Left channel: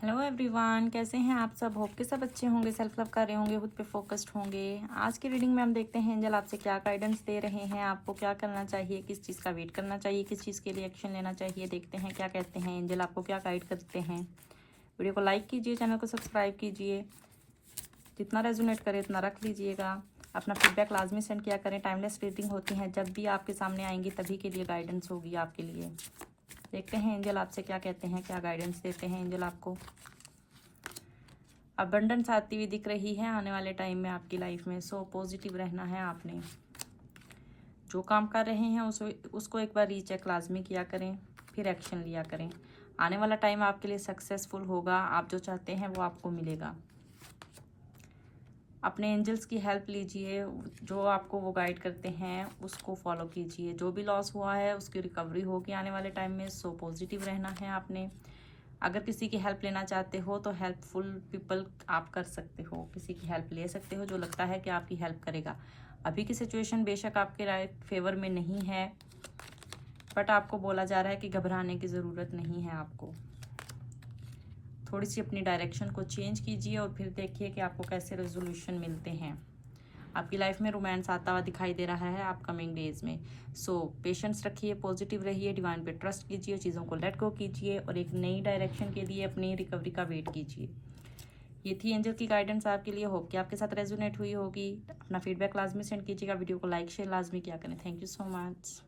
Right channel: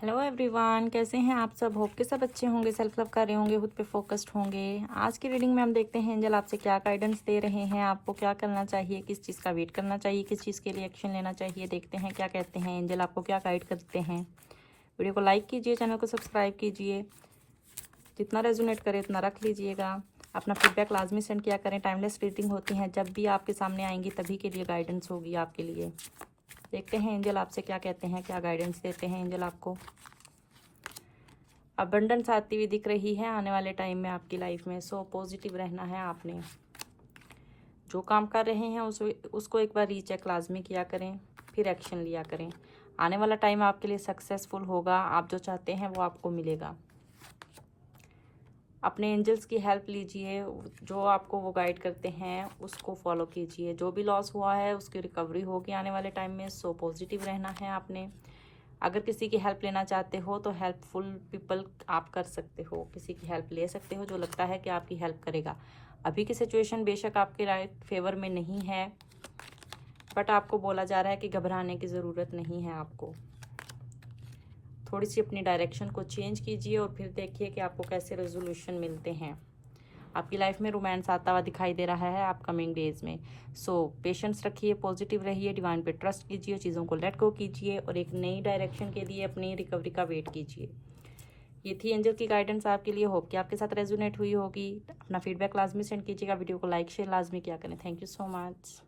Hello everyone, कैसे हैं आप सब। होप के सब अच्छे होंगे, सेल्फ लव कर रहे होंगे, खुद पे फोकस्ड होंगे। आज की रीडिंग में हम देखते हैं एंजल आपसे क्या गाइडेंस दे रहे हैं, आपको क्या करना चाहिए, किस चीज़ का वेट करना चाहिए, किस चीज़ के लिए एक्शन लेना चाहिए। देखते हैं क्या कहते हैं एंजल, आपको क्या गाइड करते हैं। वीडियो को लाइक कीजिए, चैनल को सब्सक्राइब कीजिए, जितना रेजोनेट करे उतना रख लीजिएगा। अपना फीडबैक लाजमी सेंड किया करें। टाइमलेस रीडिंग होती हैं, जब भी आपके सामने आएंगी तभी के लिए गाइडेंस होगी आपके लिए। देखते हैं एंजल आपसे क्या कहते हैं, क्या गाइडेंस देते हैं एंजल आपको। अबंडेंस आती हुई दिख रही है आने वाले टाइम में आपकी लाइफ में। सो पॉजिटिव रहना है आपने। जो काम कर रहे हैं उसको एक बार रीचेक लाजमी किया करें, फिर एक्शन लिया करें। आने वाला टाइम आपके लिए सक्सेसफुल होगा। आप जो चाहते हैं वो आपको मिलेगा। अपने एंजल्स की हेल्प लीजिए, जो आपको वो गाइड करते हैं उसको फॉलो कीजिए। जो भी लॉस हुआ है उसकी रिकवरी होगी आने वाले टाइम में। सो पॉजिटिव रहना है आपने। अगर किसी की हेल्प लेना चाहते हो तो हेल्पफुल पीपल आप कर सकते हो, किसी की हेल्प ले सकते हो जो लगता है कि आपकी हेल्प करेगा। अभी की सिचुएशन बेशक आपके फेवर में नहीं है, बट आपको बोला जा रहा है कि घबराने की ज़रूरत नहीं है। आपको थोड़ी सी अपनी डायरेक्शन को चेंज कीजिए और फिर देखिए कि आपको कैसे रेजोल्यूशन मिलते हैं। आपकी लाइफ में रोमांस आता हुआ दिखाई दे रहा है अपकमिंग डेज में। सो पेशेंस रखिए, पॉजिटिव रहिए, डिवाइन पे ट्रस्ट कीजिए, चीज़ों को लेट गो कीजिए और एक नई डायरेक्शन के लिए अपनी रिकवरी का वेट कीजिए। ये थी एंजल की गाइडेंस आपके लिए। होप कि आपके साथ रेजोनेट हुई होगी। अपना फीडबैक लाजमी सेंड कीजिएगा। वीडियो को लाइक शेयर लाजमी किया करें। Thank you so much.